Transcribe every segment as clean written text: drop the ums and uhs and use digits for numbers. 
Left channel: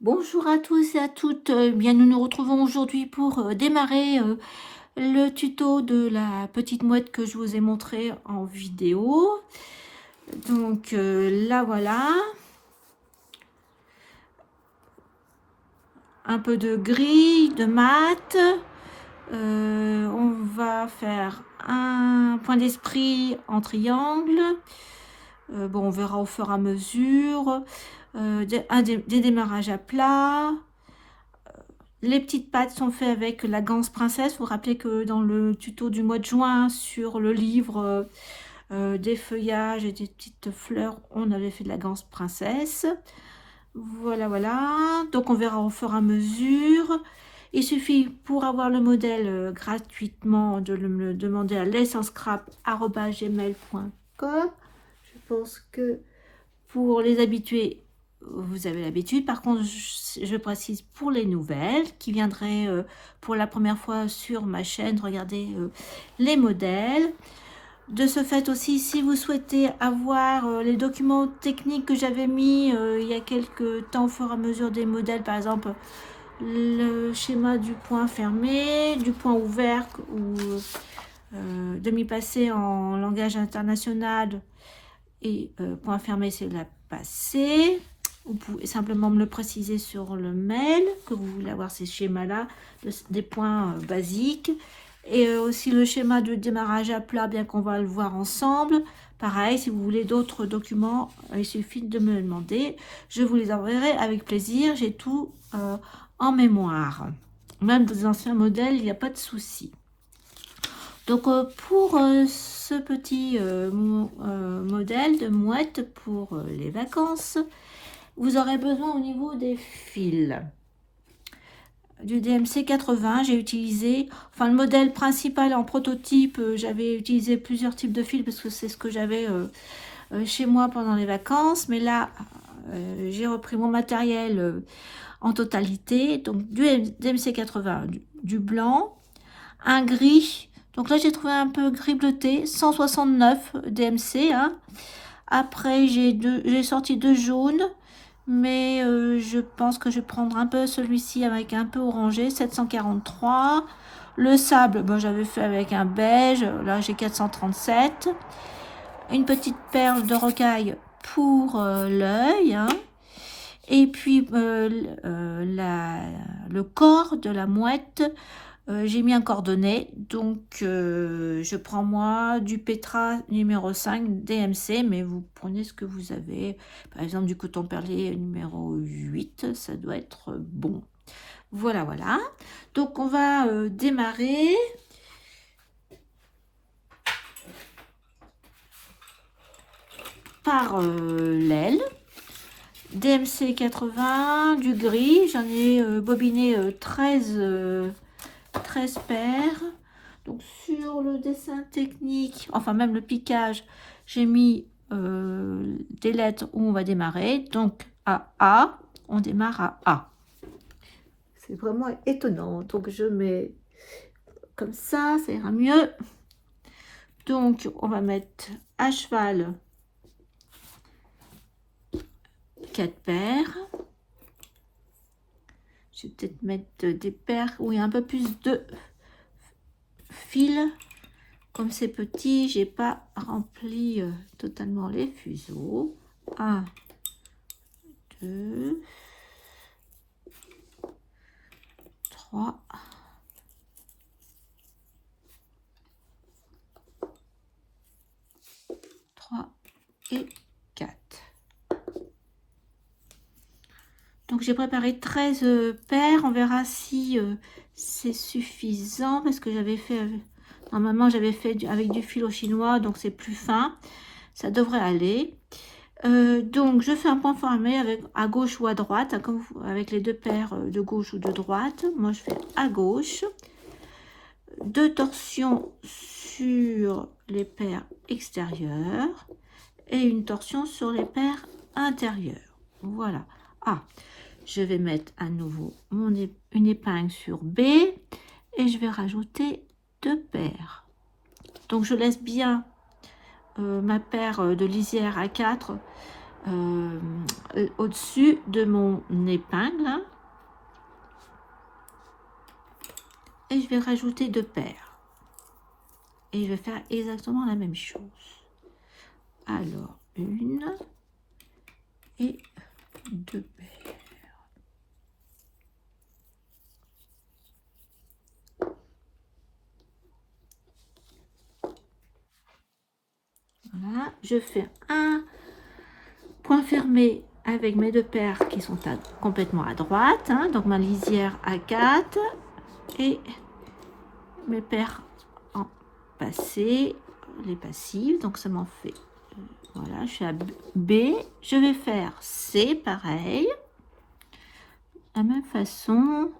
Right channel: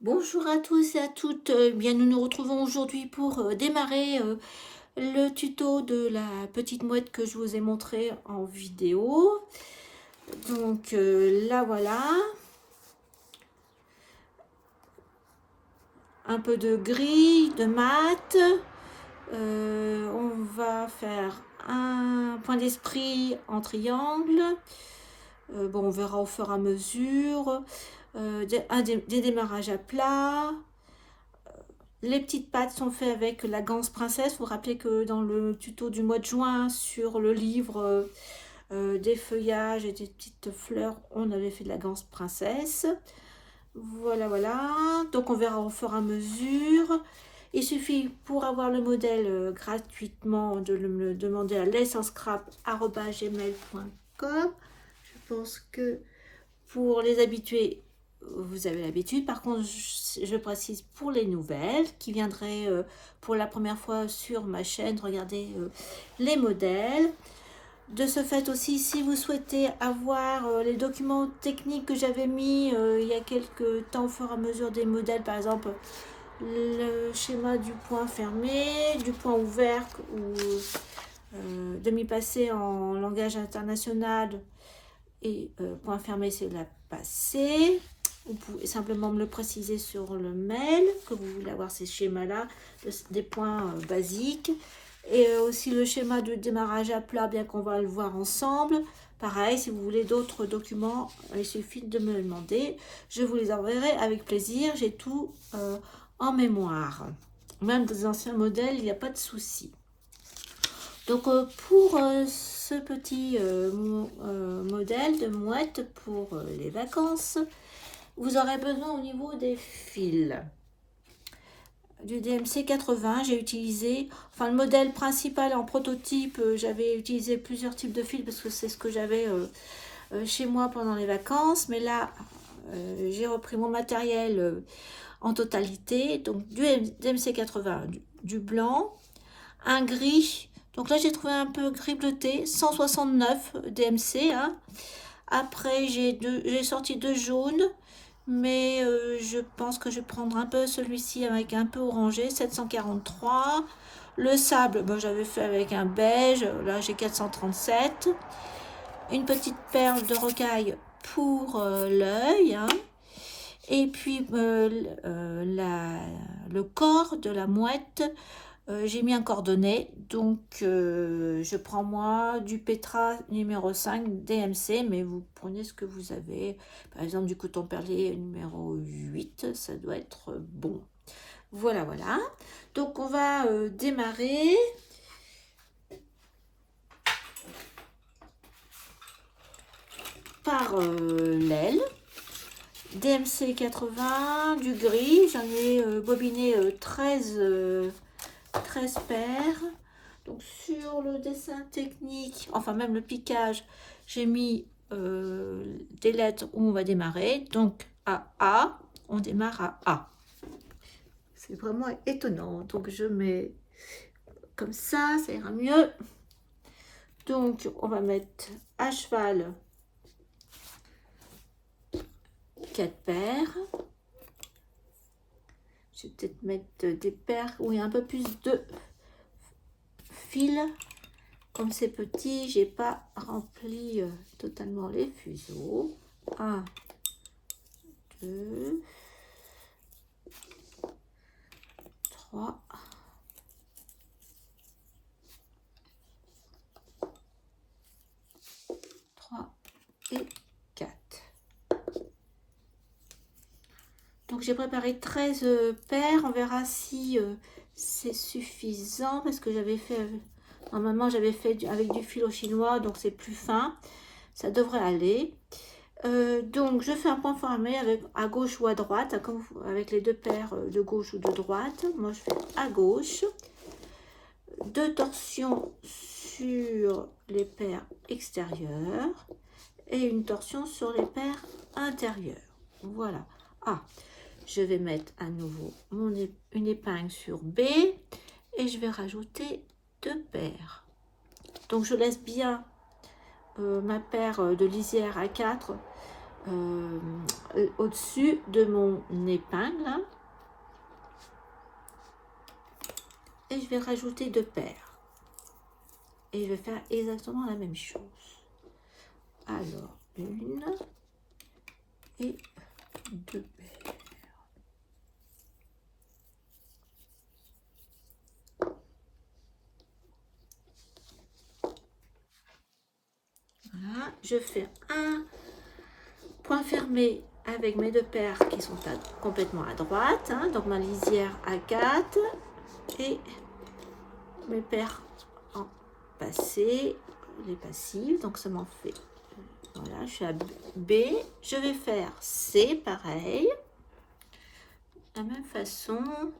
Bonjour à tous et à toutes. Bien, nous nous retrouvons aujourd'hui pour démarrer le tuto de la petite mouette que je vous ai montré en vidéo. Donc là voilà, un peu de gris, de mat. On va faire un point d'esprit en triangle. Bon, on verra au fur et à mesure. Des démarrages à plat. Les petites pattes sont faites avec la ganse princesse. Vous vous rappelez que dans le tuto du mois de juin sur le livre des feuillages et des petites fleurs, on avait fait de la ganse princesse. Voilà, voilà. Donc on verra au fur et à mesure. Il suffit pour avoir le modèle gratuitement de me demander à l'essenscrap@gmail.com. Je pense que pour les habitués, vous avez l'habitude. Par contre, je précise pour les nouvelles qui viendraient pour la première fois sur ma chaîne, regardez les modèles. De ce fait aussi, si vous souhaitez avoir les documents techniques que j'avais mis il y a quelques temps au fur et à mesure des modèles, par exemple le schéma du point fermé, du point ouvert ou demi-passé en langage international et point fermé c'est la passée. Vous pouvez simplement me le préciser sur le mail que vous voulez avoir ces schémas là, des points basiques. Et aussi le schéma de démarrage à plat, bien qu'on va le voir ensemble. Pareil, si vous voulez d'autres documents, il suffit de me le demander. Je vous les enverrai avec plaisir. J'ai tout en mémoire. Même des anciens modèles, il n'y a pas de souci. Donc pour ce petit modèle de mouette pour les vacances, vous aurez besoin au niveau des fils du DMC 80. J'ai utilisé, enfin le modèle principal en prototype, j'avais utilisé plusieurs types de fils parce que c'est ce que j'avais chez moi pendant les vacances. Mais là, j'ai repris mon matériel en totalité. Donc du DMC 80, du blanc, un gris. Donc là, j'ai trouvé un peu gris bleuté, 169 DMC. Hein. Après, j'ai sorti deux jaunes, mais je pense que je vais prendre un peu celui-ci avec un peu orangé, 743. Le sable, bon, j'avais fait avec un beige, là j'ai 437. Une petite perle de rocaille pour l'œil. Hein. Et puis le corps de la mouette, j'ai mis un coordonnées, donc je prends moi du Petra numéro 5 DMC, mais vous prenez ce que vous avez. Par exemple du coton perlier numéro 8, ça doit être bon. Voilà, voilà. Donc on va démarrer. Par l'aile. DMC 80, du gris, j'en ai bobiné 13 paires. Donc sur le dessin technique, enfin même le piquage, j'ai mis des lettres où on va démarrer. Donc à A, on démarre à A. C'est vraiment étonnant. Donc je mets comme ça ira mieux. Donc on va mettre à cheval 4 paires. Je vais peut-être mettre des paires où il y a un peu plus de fil. Comme c'est petit, j'ai pas rempli totalement les fuseaux. 1, 2, 3, 3 et 4. Donc j'ai préparé 13 paires. On verra si c'est suffisant parce que j'avais fait normalement j'avais fait avec du fil au chinois, donc c'est plus fin. Ça devrait aller. Donc je fais un point fermé avec, à gauche ou à droite, avec les deux paires de gauche ou de droite. Moi je fais à gauche. Deux torsions sur les paires extérieures et une torsion sur les paires intérieures. Voilà. Ah, je vais mettre à nouveau une épingle sur B et je vais rajouter deux paires. Donc je laisse bien ma paire de lisière à 4 au-dessus de mon épingle. Et je vais rajouter 2 paires. Et je vais faire exactement la même chose. Alors, 1 et 2 paires. Voilà, je fais un point fermé avec mes 2 paires qui sont complètement à droite, hein, donc ma lisière à 4 et mes paires en passé, les passives, donc ça m'en fait, voilà, je suis à B, je vais faire C pareil, de la même façon.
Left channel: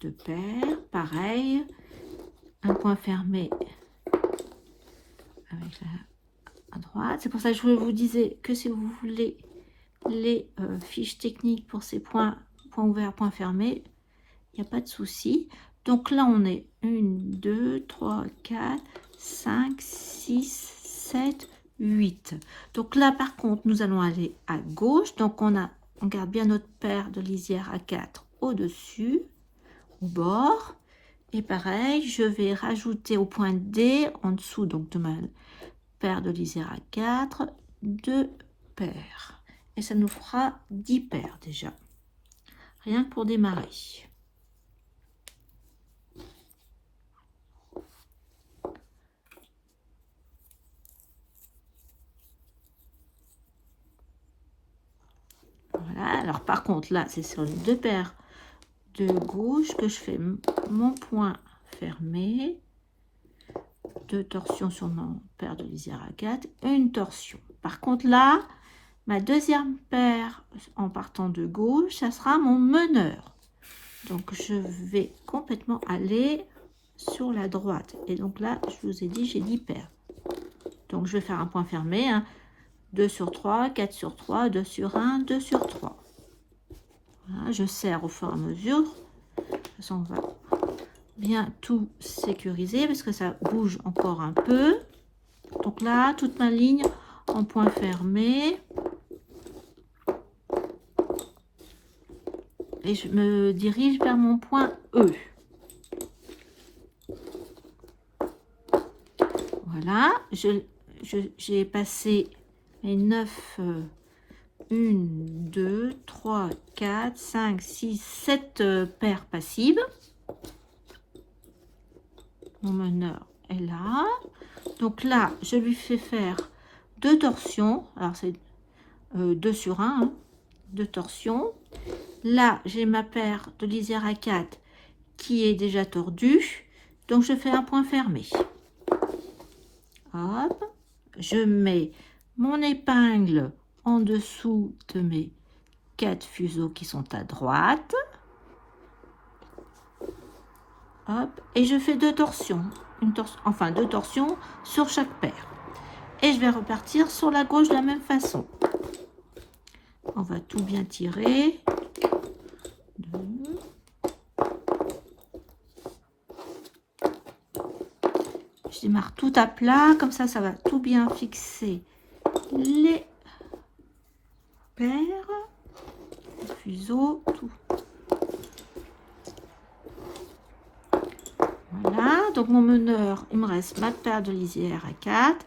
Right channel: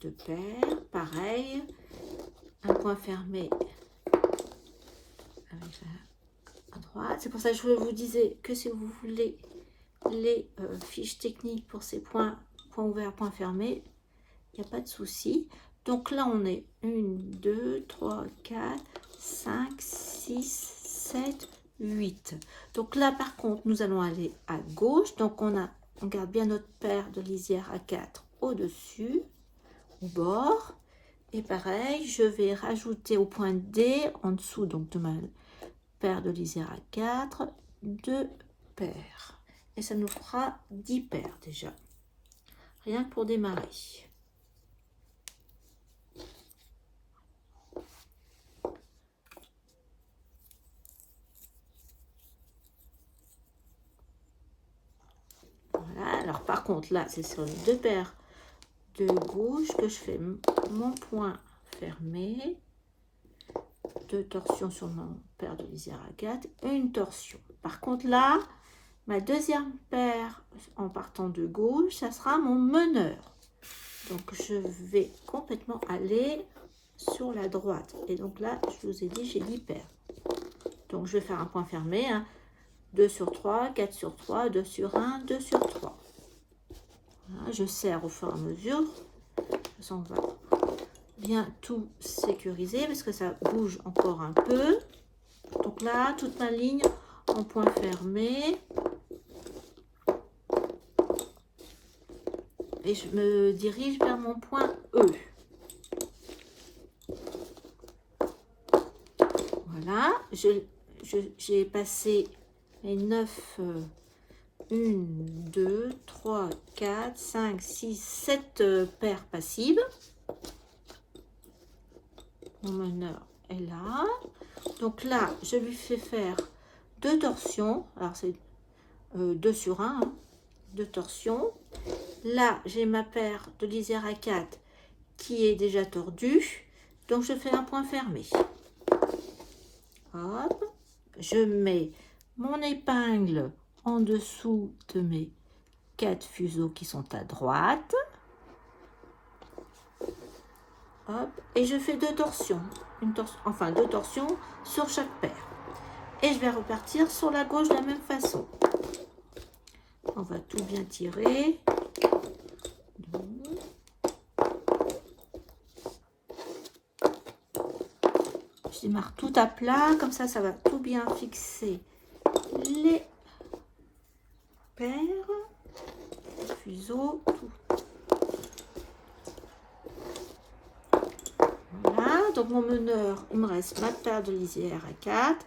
Deux paires, pareil, un point fermé avec la à droite. C'est pour ça que je vous disais que si vous voulez les fiches techniques pour ces points ouverts, points fermés, il n'y a pas de souci. Donc là, on est 1, 2, 3, 4, 5, 6, 7, 8. Donc là, par contre, nous allons aller à gauche. Donc on garde bien notre paire de lisière à 4 au-dessus, bord. Et pareil, je vais rajouter au point D, en dessous donc de ma paire de lisière à 4, 2 paires. Et ça nous fera 10 paires déjà. Rien que pour démarrer. Voilà, alors par contre là, c'est sur les 2 paires de gauche que je fais mon point fermé, 2 torsions sur mon paire de lisière à 4, une torsion. Par contre là, ma deuxième paire en partant de gauche, ça sera mon meneur. Donc je vais complètement aller sur la droite. Et donc là, je vous ai dit, j'ai 10 paires. Donc je vais faire un point fermé, hein. 2 sur 3, 4 sur 3, 2 sur 1, 2 sur 3. Voilà, je serre au fur et à mesure. De toute façon, on va bien tout sécuriser parce que ça bouge encore un peu. Donc là, toute ma ligne en point fermé. Et je me dirige vers mon point E. Voilà, j'ai passé mes 9, 1, 2, 3, 4, 5, 6, 7 paires passives. Mon meneur est là. Donc là, je lui fais faire 2 torsions. Alors c'est 2 sur 1, hein, 2 torsions. Là, j'ai ma paire de lisière à 4 qui est déjà tordue. Donc je fais un point fermé. Hop, je mets mon épingle en dessous de mes 4 fuseaux qui sont à droite. Hop, et je fais 2 torsions, enfin 2 torsions sur chaque paire. Et je vais repartir sur la gauche de la même façon. On va tout bien tirer. Je démarre tout à plat, comme ça, ça va tout bien fixer les paires, les fuseaux, tout. Voilà, donc mon meneur, il me reste ma paire de lisière à 4.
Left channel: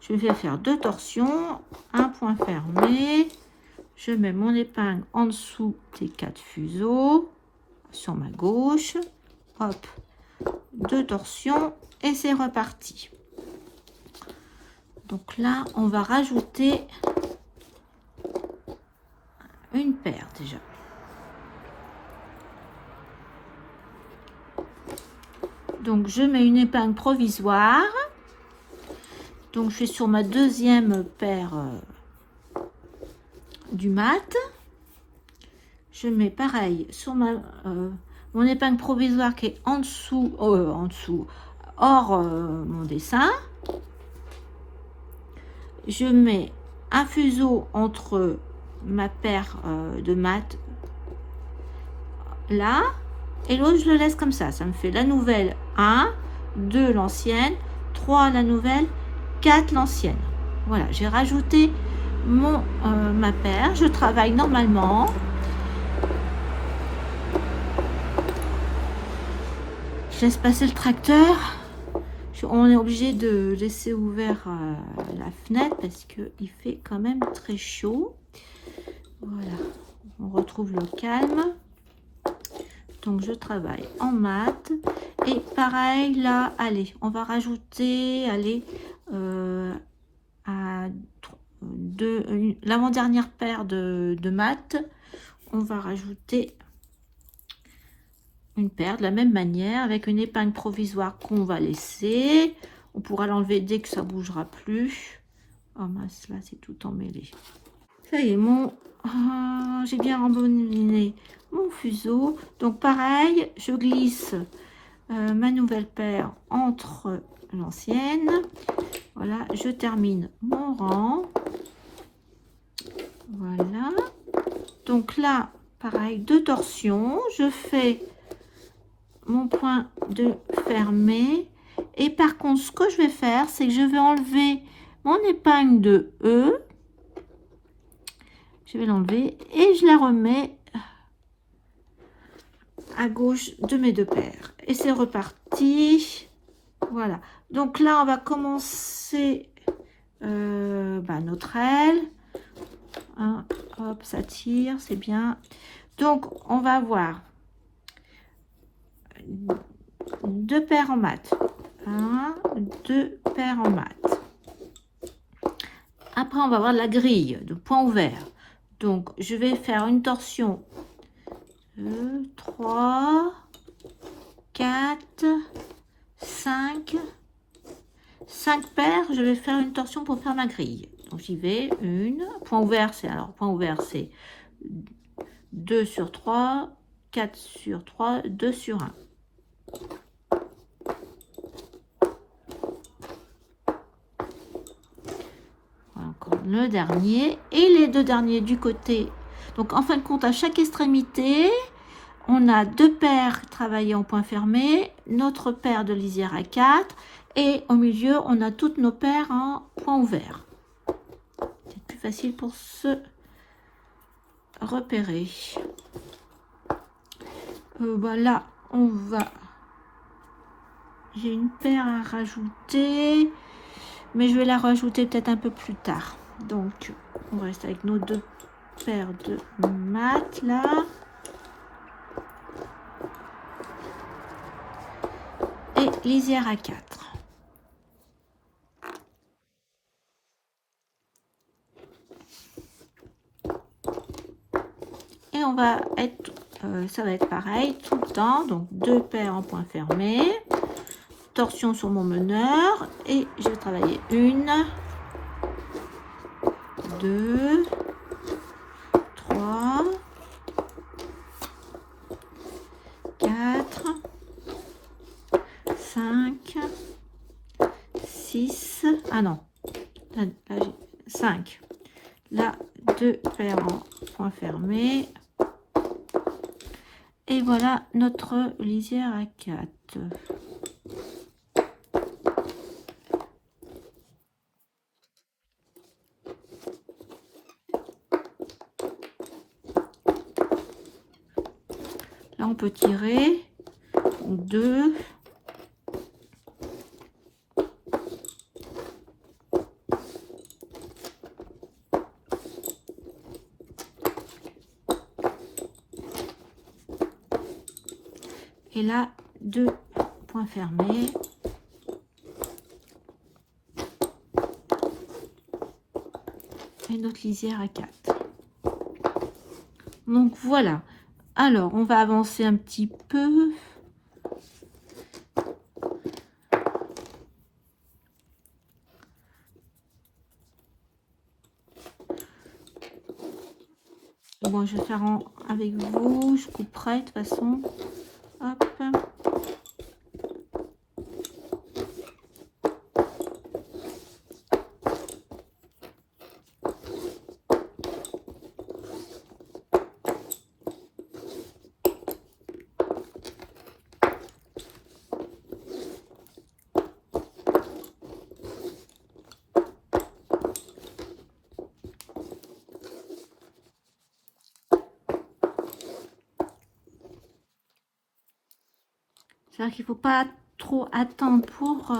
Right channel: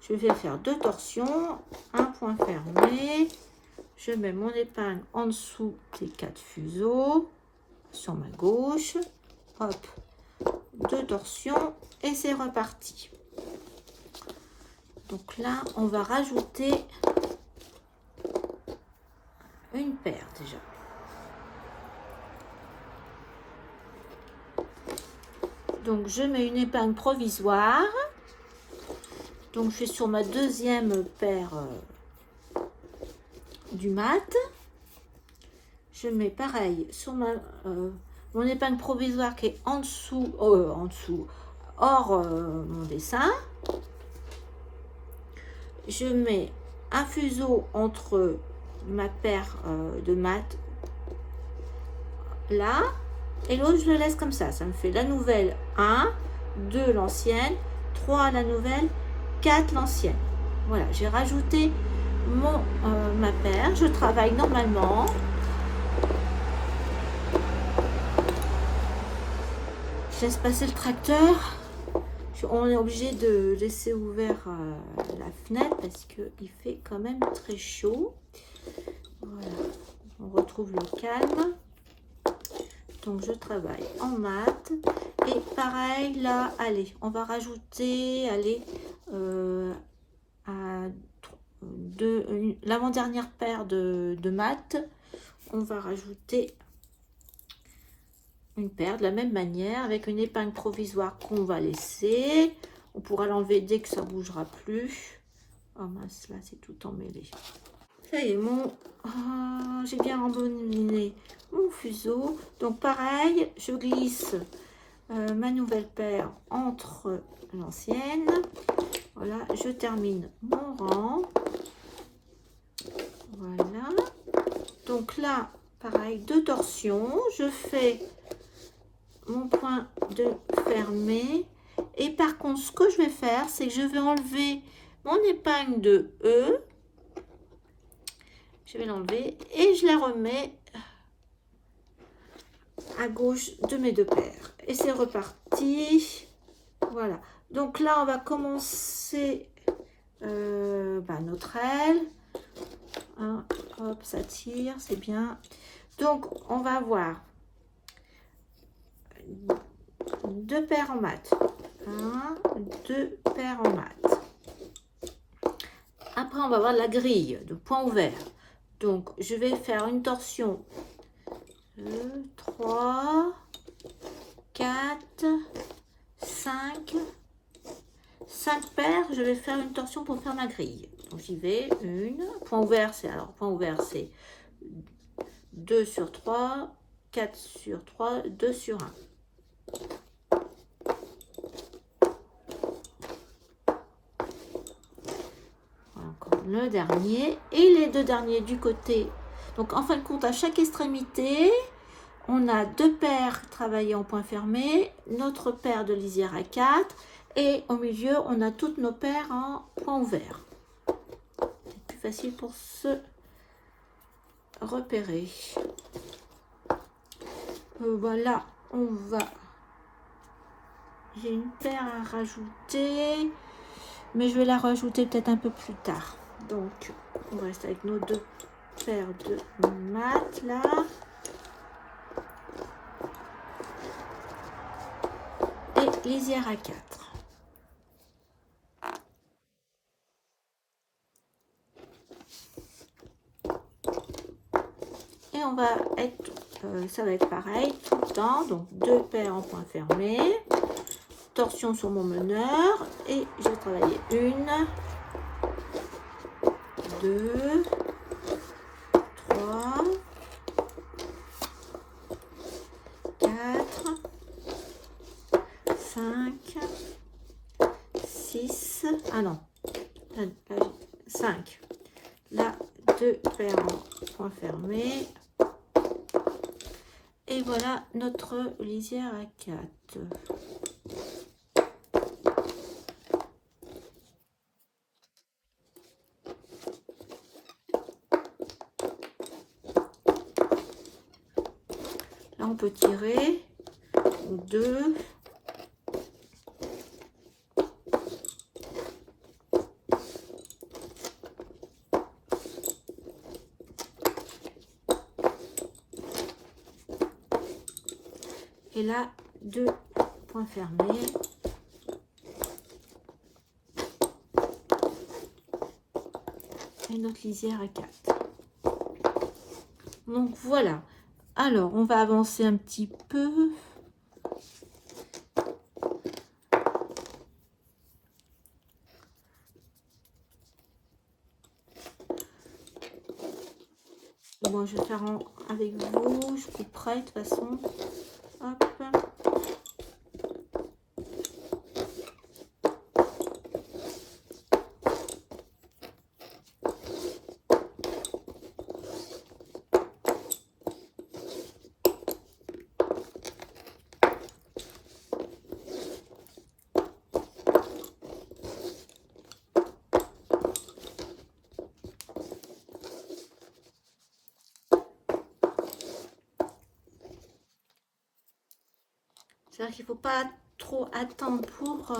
Je vais faire 2 torsions, un point fermé. Je mets mon épingle en dessous des 4 fuseaux sur ma gauche. Hop, 2 torsions et c'est reparti. Donc là, on va rajouter une paire déjà. Donc je mets une épingle provisoire. Donc je suis sur ma deuxième paire du mat. Je mets pareil sur mon épingle provisoire qui est en dessous, hors mon dessin. je mets un fuseau entre ma paire de mat là, et l'autre je le laisse comme ça me fait la nouvelle 1, 2 l'ancienne, 3 la nouvelle, 4 l'ancienne. Voilà, j'ai rajouté ma paire, je travaille normalement. Je laisse passer le tracteur. On est obligé de laisser ouvert la fenêtre parce qu'il fait quand même très chaud. Voilà, on retrouve le calme. Donc je travaille en mat. Et pareil là, allez, on va rajouter, allez, l'avant-dernière paire de mat, on va rajouter une paire de la même manière avec une épingle provisoire qu'on va laisser. On pourra l'enlever dès que ça bougera plus. Oh mince, là c'est tout emmêlé. Ça y est, j'ai bien rembobbiné mon fuseau. Donc pareil, je glisse ma nouvelle paire entre l'ancienne. Voilà, je termine mon rang. Voilà. Donc là, pareil, 2 torsions. Je fais mon point de fermé. Et par contre, ce que je vais faire, c'est que je vais enlever mon épingle de E. Je vais l'enlever et je la remets à gauche de mes 2 paires. Et c'est reparti. Voilà. Donc là, on va commencer notre aile. Hein, hop, ça tire, c'est bien. Donc, on va avoir 2 paires en mat. 1, 2 paires en mat. Après, on va avoir la grille de point ouvert. Donc, je vais faire une torsion 2, 3, 4, 5 paires. Je vais faire une torsion pour faire ma grille. Donc, j'y vais. Une. Point ouvert, c'est 2 sur 3, 4 sur 3, 2 sur 1. Encore le dernier et les 2 derniers du côté. Donc en fin de compte, à chaque extrémité, on a 2 paires travaillées en point fermé, notre paire de lisière à 4 et au milieu, on a toutes nos paires en point ouvert. C'est plus facile pour se repérer. Là, on va... J'ai une paire à rajouter, mais je vais la rajouter peut-être un peu plus tard. Donc, on reste avec nos 2 paires de mat là. Et lisière à 4. Et on va être, ça va être pareil tout le temps. Donc 2 paires en point fermé. Torsion sur mon meneur. Et je vais travailler 1, 2, 3, 4, 5, 6, ah non, 5. Là, 2 paires en point fermé. Et voilà notre lisière à 4. Là, on peut tirer 2. Et là, 2 points fermés. Et notre lisière à 4. Donc voilà. Alors, on va avancer un petit peu. Bon, je vais faire avec vous. Je couperai de toute façon. Hop. C'est-à-dire qu'il ne faut pas trop attendre pour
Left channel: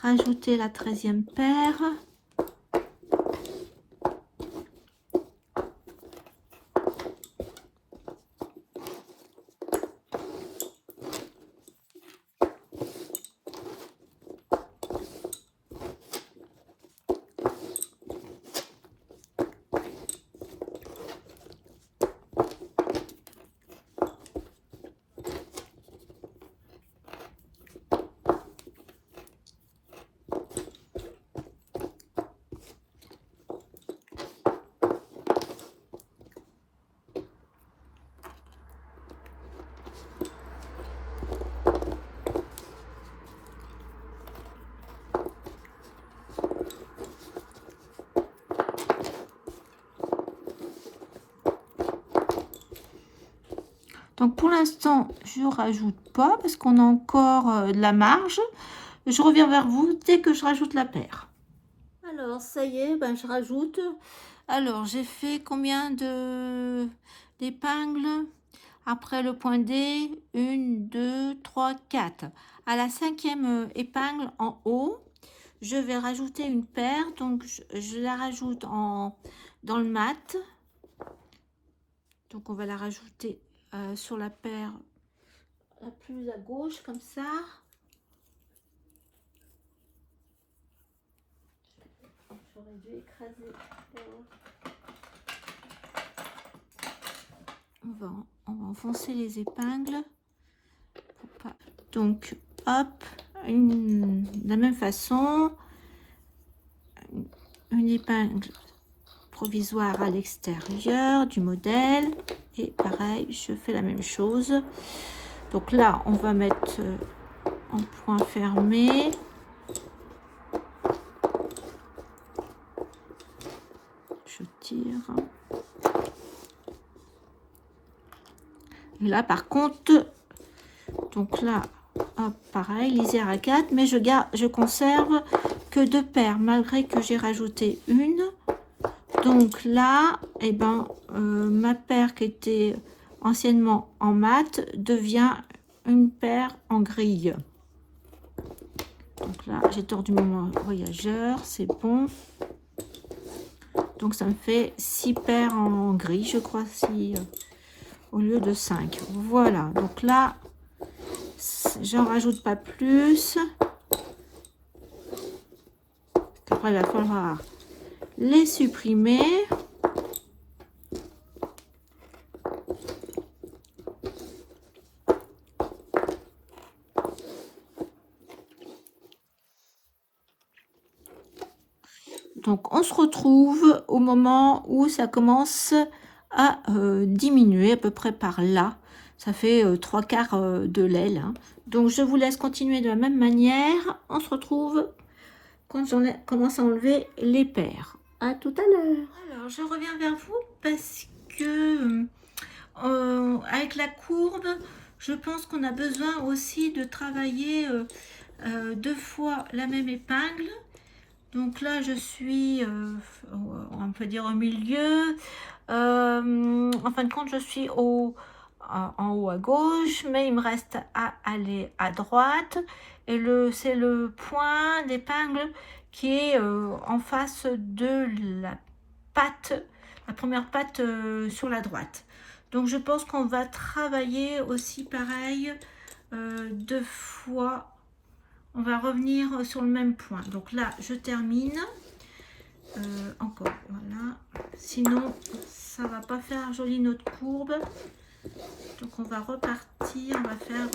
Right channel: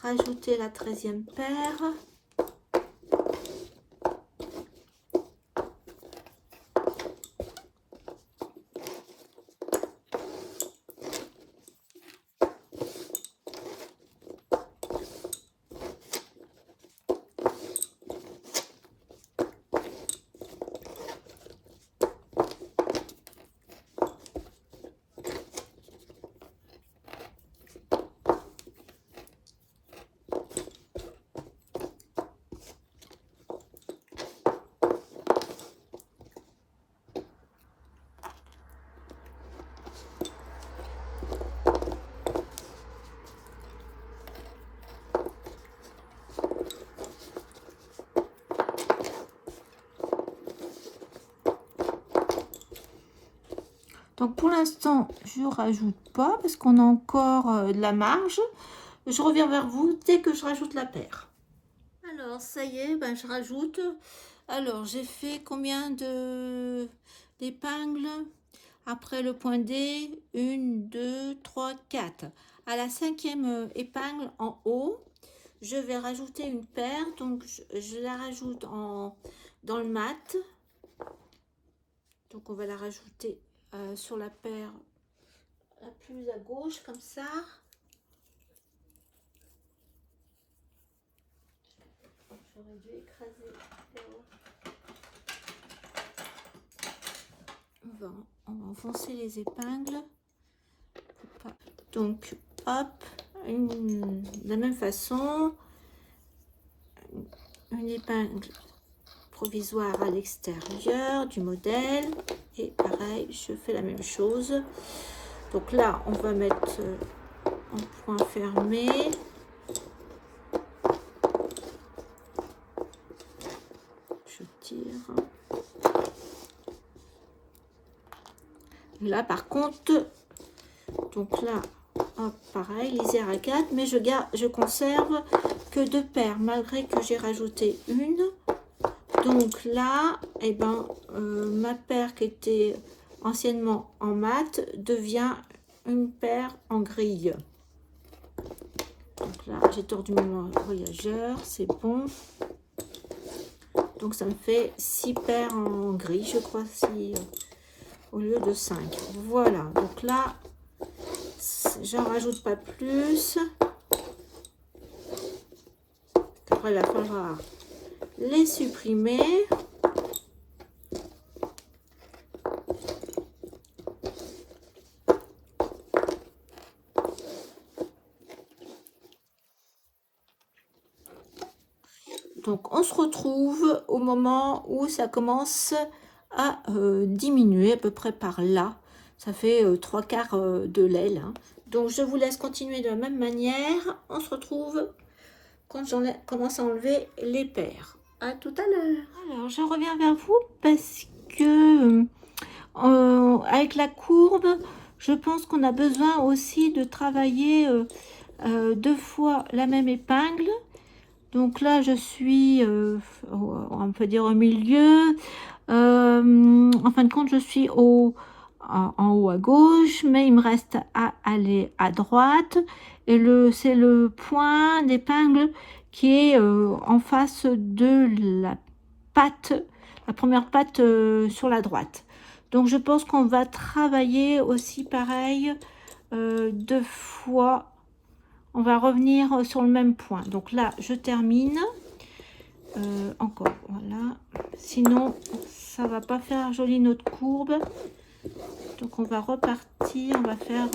rajouter la 13e paire. Donc pour l'instant, je ne rajoute pas parce qu'on a encore de la marge. Je reviens vers vous dès que je rajoute la paire. Alors ça y est, ben, je rajoute. Alors j'ai fait combien d'épingles après le point D? 1, 2, 3, 4. À la 5e épingle en haut, je vais rajouter une paire. Donc je la rajoute dans le mat. Donc on va la rajouter sur la paire la plus à gauche comme ça. J'aurais dû écraser. On va enfoncer les épingles. Donc hop, de la même façon, une épingle provisoire à l'extérieur du modèle. Et pareil, je fais la même chose. Donc là, on va mettre en point fermé. Je tire. Et là, par contre, donc là, hop, pareil, lisière à 4, mais je conserve que 2 paires, malgré que j'ai rajouté une. Donc là, eh ben, ma paire qui était anciennement en mat devient une paire en grille. Donc là, j'ai tordu mon voyageur, c'est bon. Donc ça me fait 6 paires en gris, je crois, 6 au lieu de 5. Voilà, donc là, j'en rajoute pas plus. Après, il va falloir les supprimer. Donc on se retrouve au moment où ça commence à diminuer, à peu près par là. Ça fait 3/4 de l'aile. Hein. Donc je vous laisse continuer de la même manière. On se retrouve quand j'en commence à enlever les paires. À tout à l'heure. Alors je reviens vers vous parce que avec la courbe, je pense qu'on a besoin aussi de travailler 2 fois la même épingle. Donc là, je suis, on peut dire au milieu. En fin de compte, je suis en haut à gauche, mais il me reste à aller à droite. Et c'est le point d'épingle qui est en face de la patte, la première patte sur la droite. Donc je pense qu'on va travailler aussi pareil 2 fois. On va revenir sur le même point. Donc là, je termine. Encore, voilà. Sinon, ça va pas faire joli notre courbe. Donc on va repartir. On va faire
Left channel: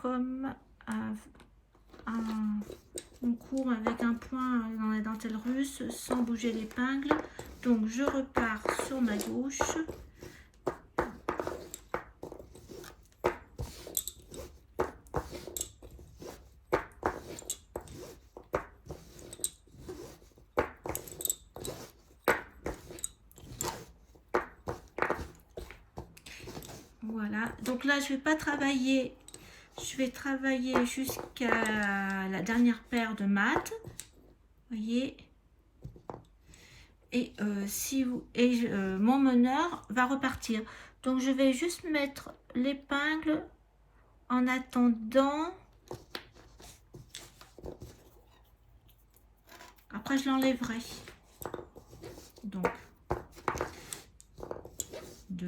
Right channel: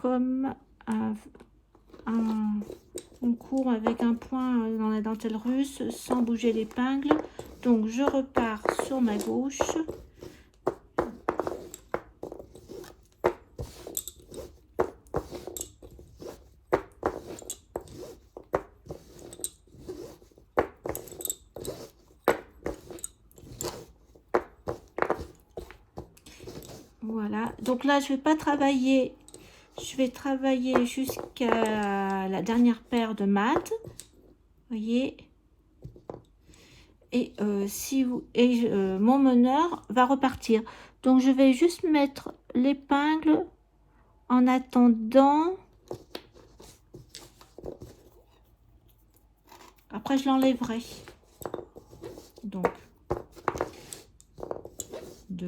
comme une courbe avec un point dans la dentelle russe sans bouger l'épingle. Donc je repars sur ma gauche. Voilà, donc là je vais pas travailler, je vais travailler jusqu'à la dernière paire de mat, voyez, et mon meneur va repartir. Donc je vais juste mettre l'épingle En attendant, après je l'enlèverai. Donc, 2.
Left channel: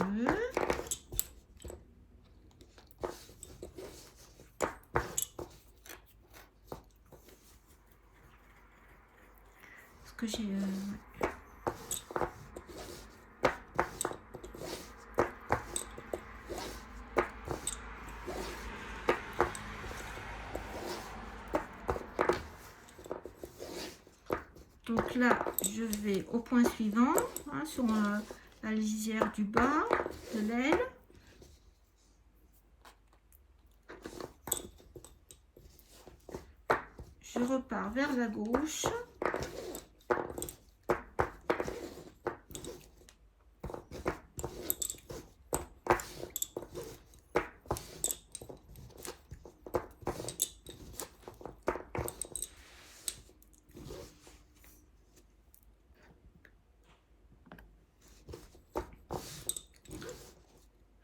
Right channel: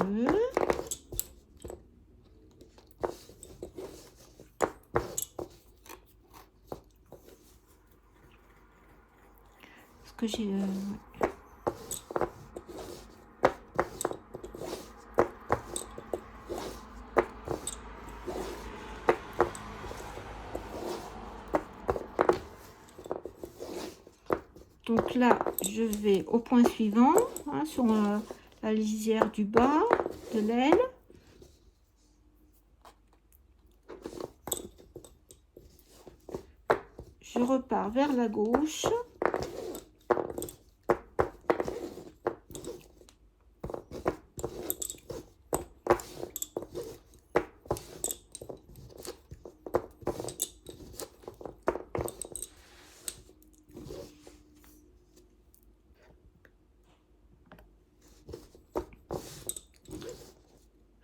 Parce que j'ai... Donc là, je vais au point suivant, hein, sur la lisière du bas de l'aile. Je repars vers la gauche.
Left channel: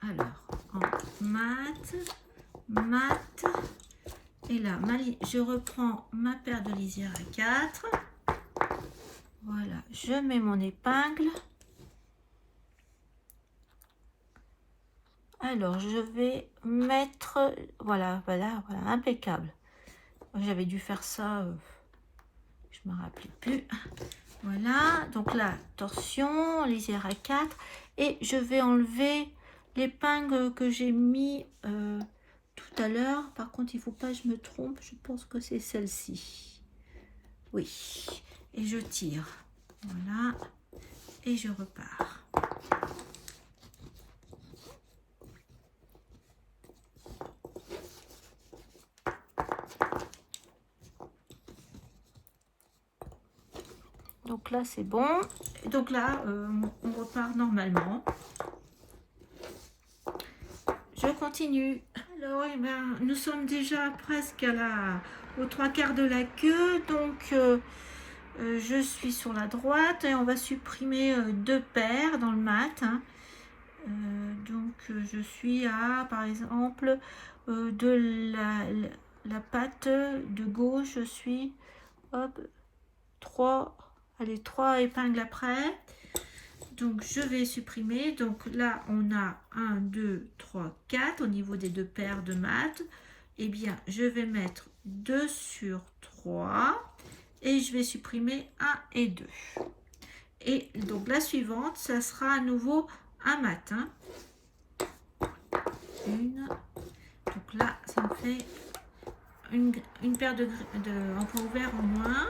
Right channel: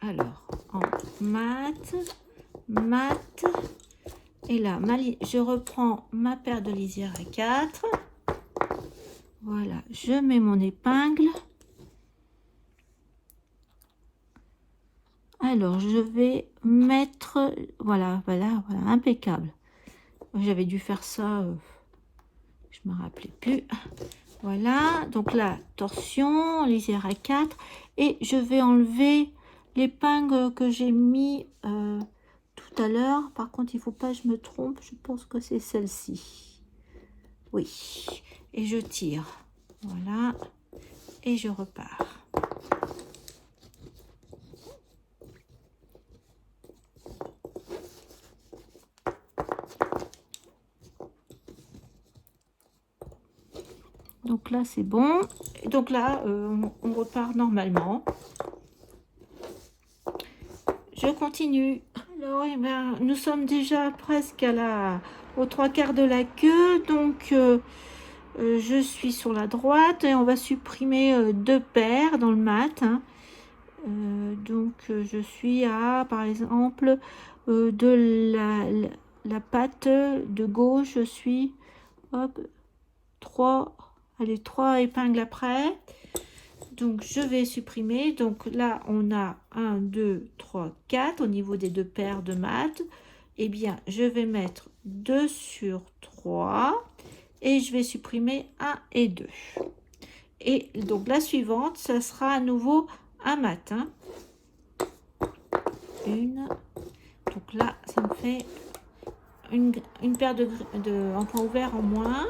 Alors, en mat, et là, je reprends ma paire de lisière à 4. Voilà, je mets mon épingle. Alors, je vais mettre, voilà, impeccable. J'avais dû faire ça, je me rappelais plus. Voilà, donc là, torsion, lisière à 4. Et je vais enlever l'épingle que j'ai mis tout à l'heure. Par contre, il ne faut pas que je me trompe. Je pense que c'est celle-ci. Oui. Et je tire. Voilà. Et je repars. Donc là, c'est bon. Donc là, on repart normalement. Je continue. Alors, eh ben, nous sommes déjà presque aux 3/4 de la queue. Donc, je suis sur la droite et on va supprimer 2 paires dans le mat. Hein. Donc, je suis à, par exemple, de la patte de gauche, je suis, hop, 3 épingles après. Donc, je vais supprimer. Donc, là, on a 1, 2, 3, 4 au niveau des 2 paires de mat. Eh bien, je vais mettre 2 sur 3 et je vais supprimer 1 et 2. Et donc, la suivante, ça sera à nouveau un mat. Hein. Une. Donc là, ça me fait une paire en point ouvert en moins.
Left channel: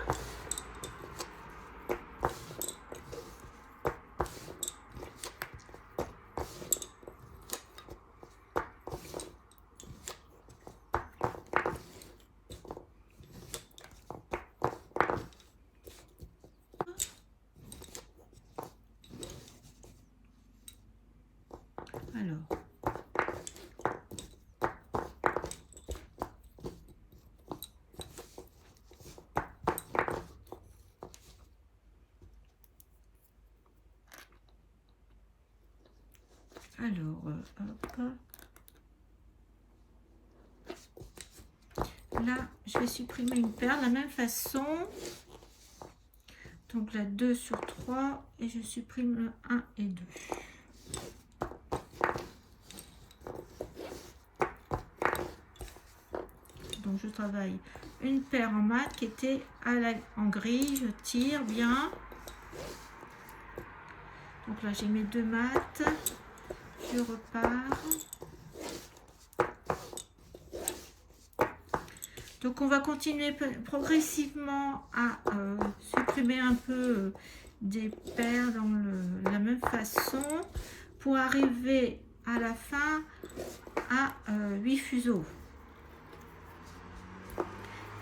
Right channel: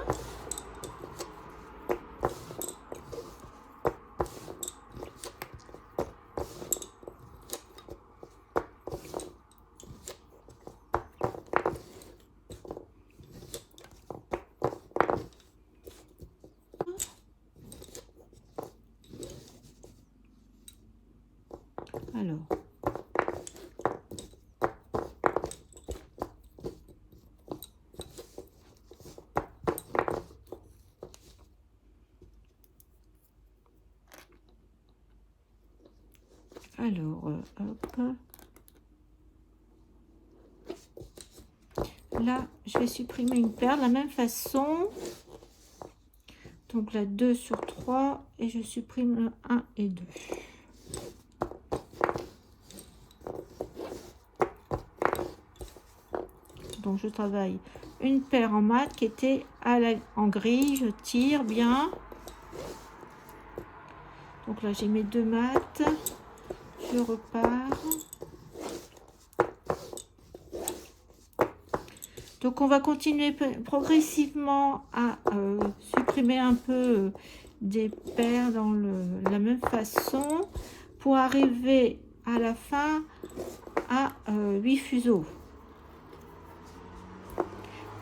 Alors, hop. Là, je vais supprimer une paire de la même façon. Donc là, 2 sur 3 et je supprime le 1 et 2. Donc je travaille une paire en mat qui était en gris. Je tire bien. Donc là, j'ai mes 2 mats. Je repars. Donc on va continuer progressivement à supprimer un peu des paires dans la même façon pour arriver à la fin à 8 fuseaux.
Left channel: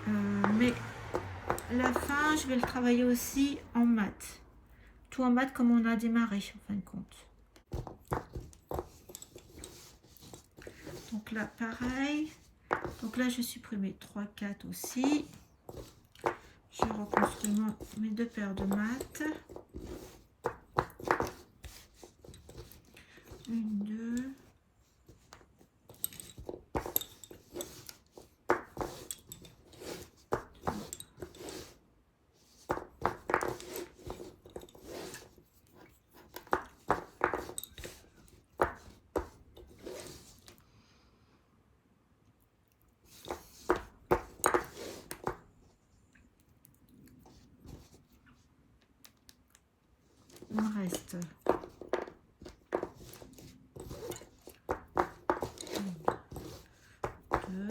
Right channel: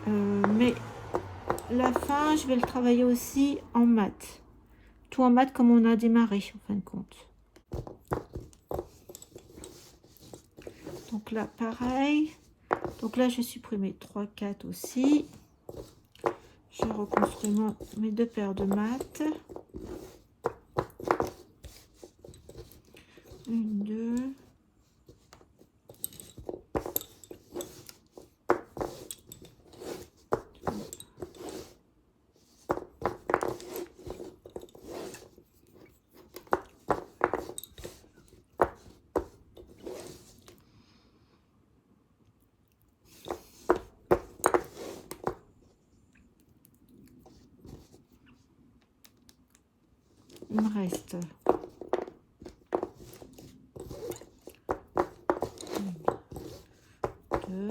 Mais la fin, je vais le travailler aussi en mat. Tout en mat comme on a démarré en fin de compte. Donc là, pareil. Donc là, je vais supprimer 3, 4 aussi. Je reconstruis mes 2 paires de mat. 1, 2. il me reste une, deux.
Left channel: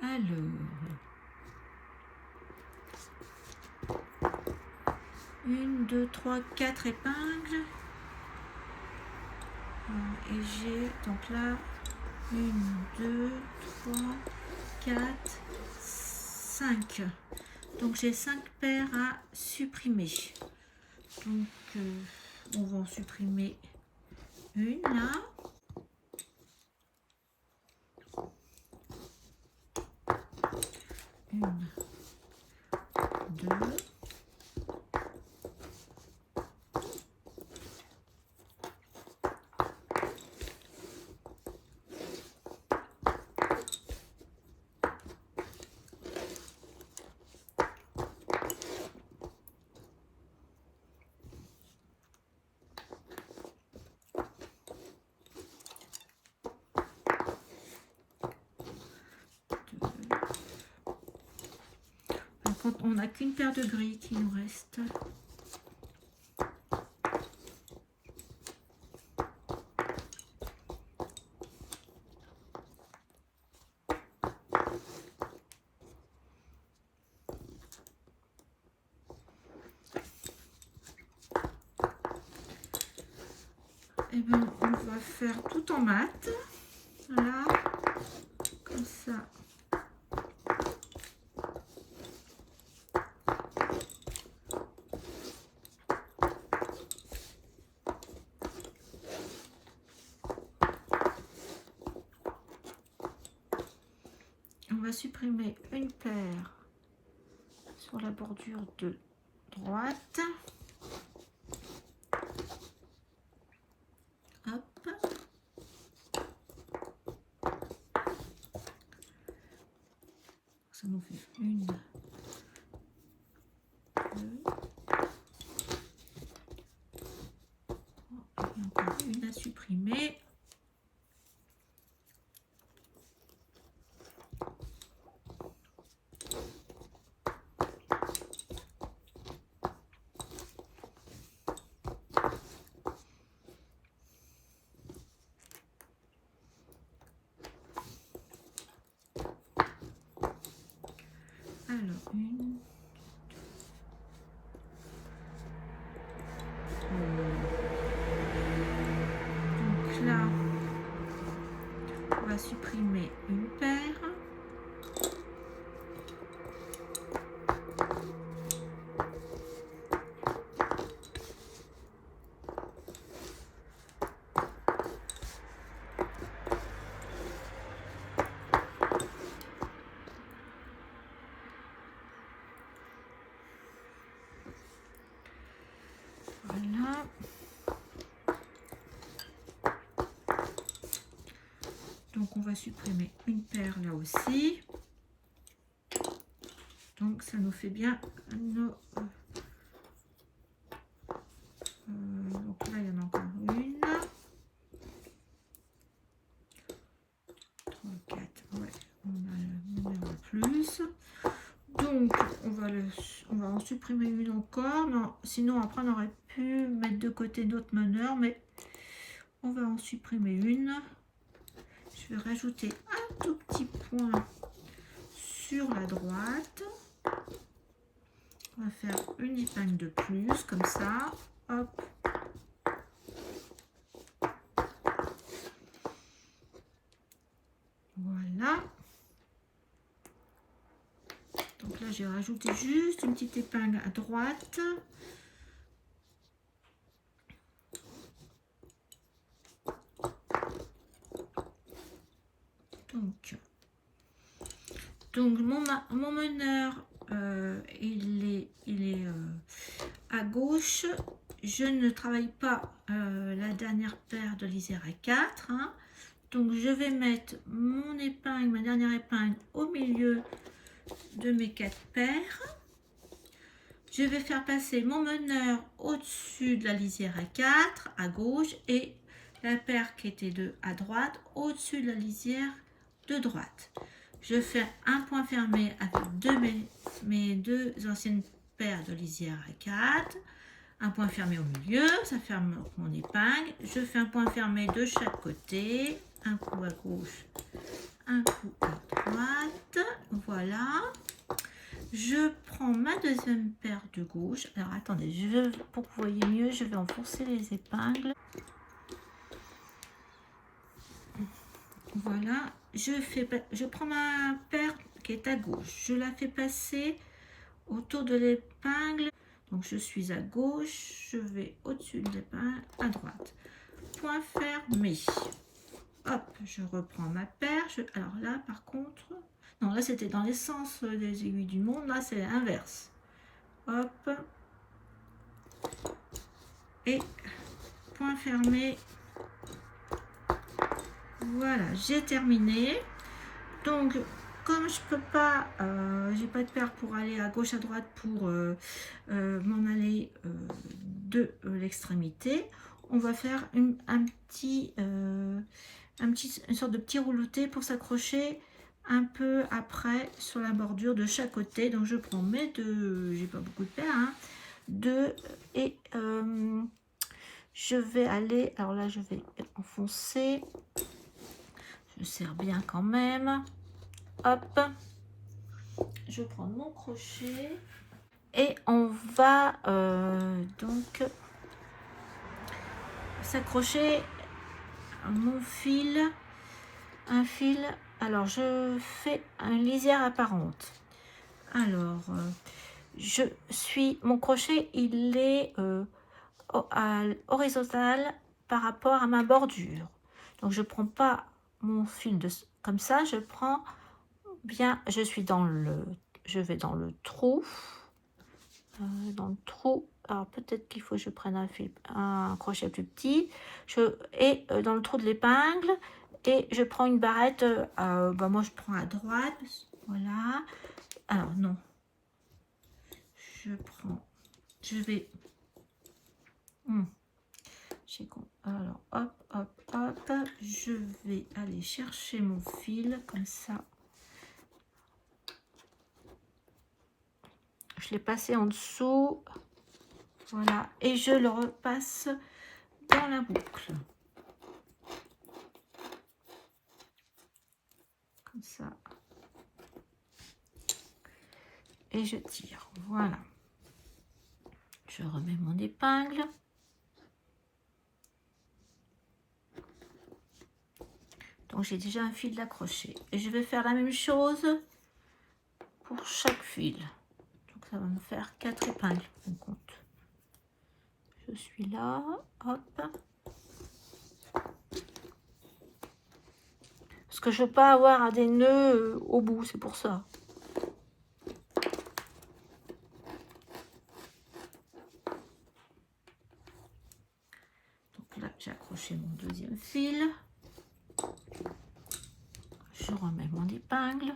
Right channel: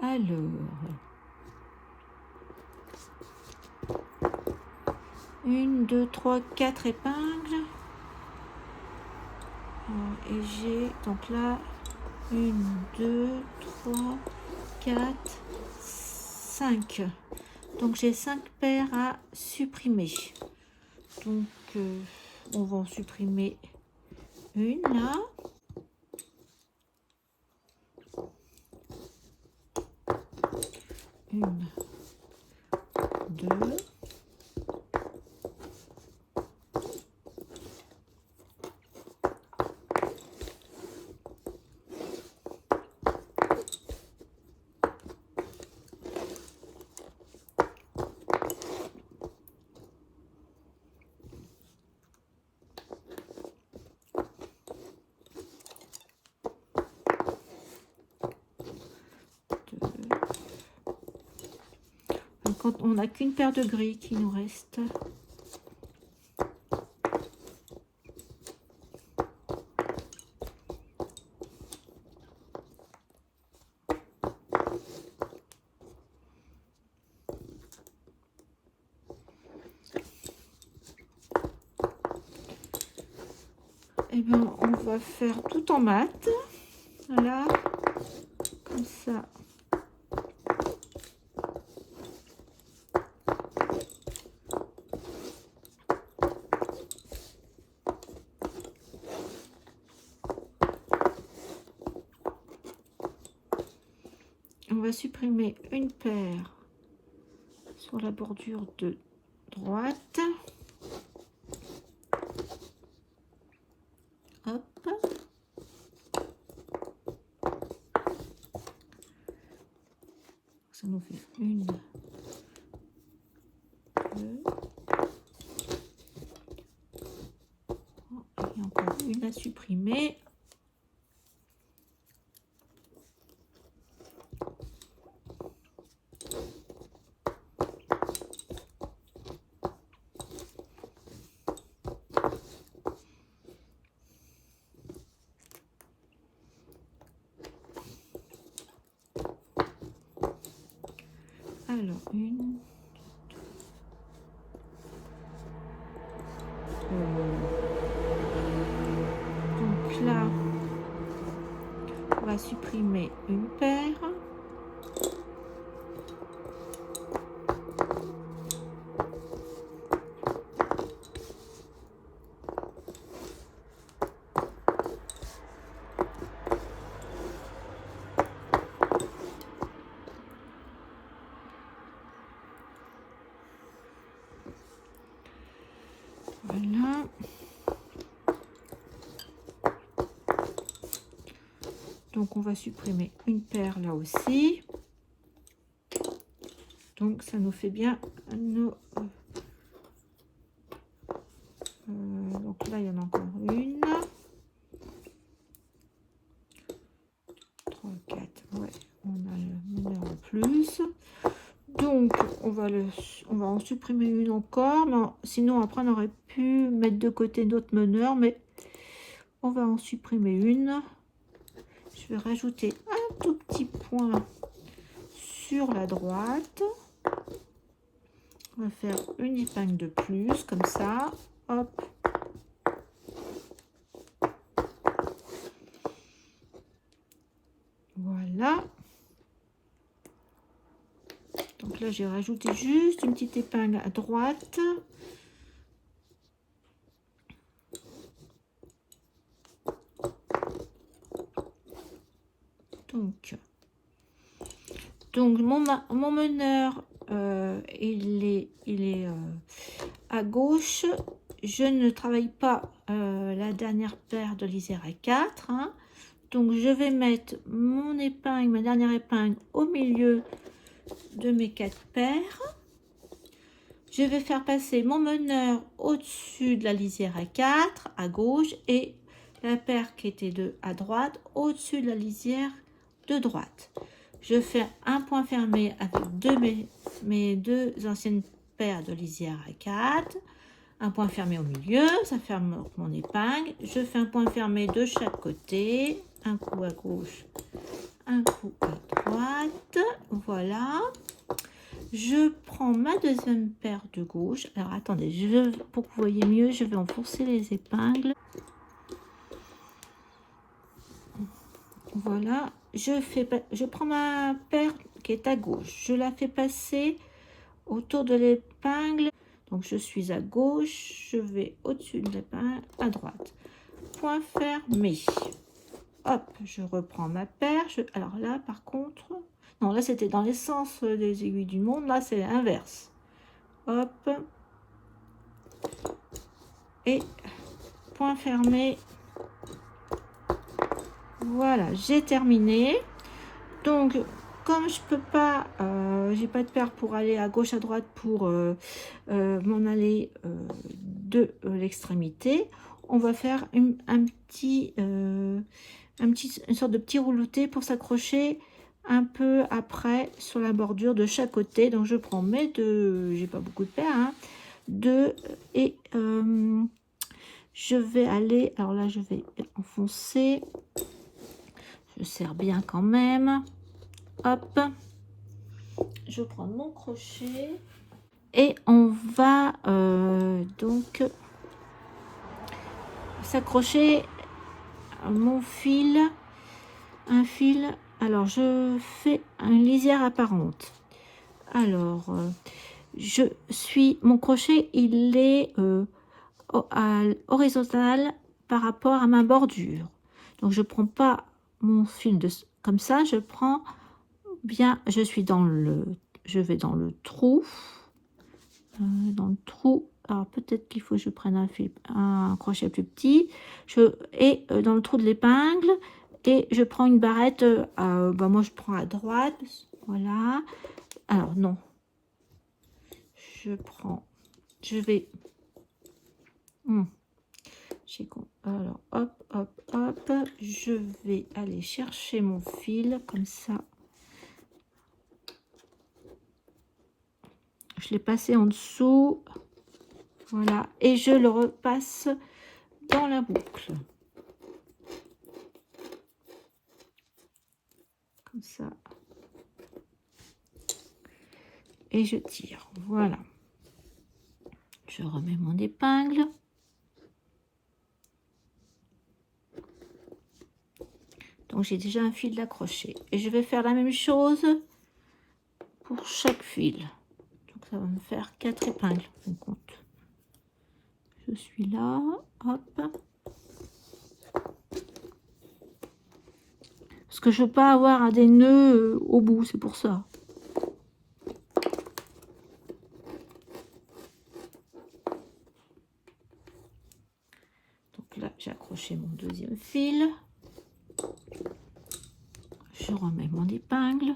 Alors, 1, 2, 3, 4 épingles. Et j'ai donc là 1, 2, 3, 4, 5. Donc j'ai 5 paires à supprimer. Donc on va en supprimer une là. Une, deux. Quand on n'a qu'une paire de gris qui nous reste. Et bien on va faire tout en mat. Voilà, comme ça. On va supprimer une paire sur la bordure de droite. Hop. Ça nous fait une, deux. Et encore une à supprimer. Alors, une, donc là, on va supprimer une paire. Voilà. Donc on va supprimer une paire là aussi. Donc ça nous fait bien nos... donc là il y en a encore une. 3, 4, ouais, on a le meneur en plus. Donc on va en supprimer une encore, mais sinon après on aurait pu mettre de côté d'autres meneurs, mais on va en supprimer une. Je vais rajouter un tout petit point sur la droite. On va faire une épingle de plus comme ça. Hop. Voilà. Donc là j'ai rajouté juste une petite épingle à droite. Donc mon meneur il est à gauche. Je ne travaille pas la dernière paire de l'Isère à 4, hein. Donc je vais mettre mon épingle, ma dernière épingle au milieu de mes 4 paires. Je vais faire passer mon meneur au-dessus de la lisière à 4 à gauche et la paire qui était à droite au-dessus de la lisière de droite. Je fais un point fermé avec mes deux anciennes paires de lisière à 4, un point fermé au milieu, ça ferme mon épingle. Je fais un point fermé de chaque côté, un coup à gauche, un coup à droite, voilà. Je prends ma deuxième paire de gauche. Alors attendez, pour que vous voyez mieux, je vais enfoncer les épingles. Voilà, je prends ma paire qui est à gauche, je la fais passer autour de l'épingle. Donc je suis à gauche, je vais au-dessus de l'épingle à droite. Point fermé. Hop, je reprends ma paire. Alors là, par contre, non, là c'était dans les sens des aiguilles du monde. Là, c'est l'inverse. Hop. Et point fermé. Voilà, j'ai terminé. Donc, comme je peux pas, j'ai pas de paire pour aller à gauche à droite pour m'en aller de l'extrémité, on va faire une sorte de petit rouleauté pour s'accrocher un peu après sur la bordure de chaque côté. Donc je prends mes deux, j'ai pas beaucoup de paires, hein, deux, et je vais aller, alors là je vais enfoncer, je serre bien quand même. Hop, je prends mon crochet et on va donc s'accrocher mon fil, un fil. Alors je fais une lisière apparente. Alors je suis, mon crochet il est horizontal par rapport à ma bordure. Donc je prends pas mon fil comme ça, je prends bien, je vais dans le trou, alors peut-être qu'il faut que je prenne un crochet plus petit, et dans le trou de l'épingle, et je prends une barrette, moi je prends à droite, voilà. Alors non, je vais, alors hop, je vais aller chercher mon fil comme ça. Je l'ai passé en dessous, voilà, et je le repasse dans la boucle, comme ça, et je tire, voilà. Je remets mon épingle, donc j'ai déjà un fil d'accroché, et je vais faire la même chose pour chaque fil. Donc ça va me faire 4 épingles, on compte. Je suis là, hop. Parce que je veux pas avoir des nœuds au bout, c'est pour ça. Donc là, j'ai accroché mon deuxième fil. Je remets mon épingle.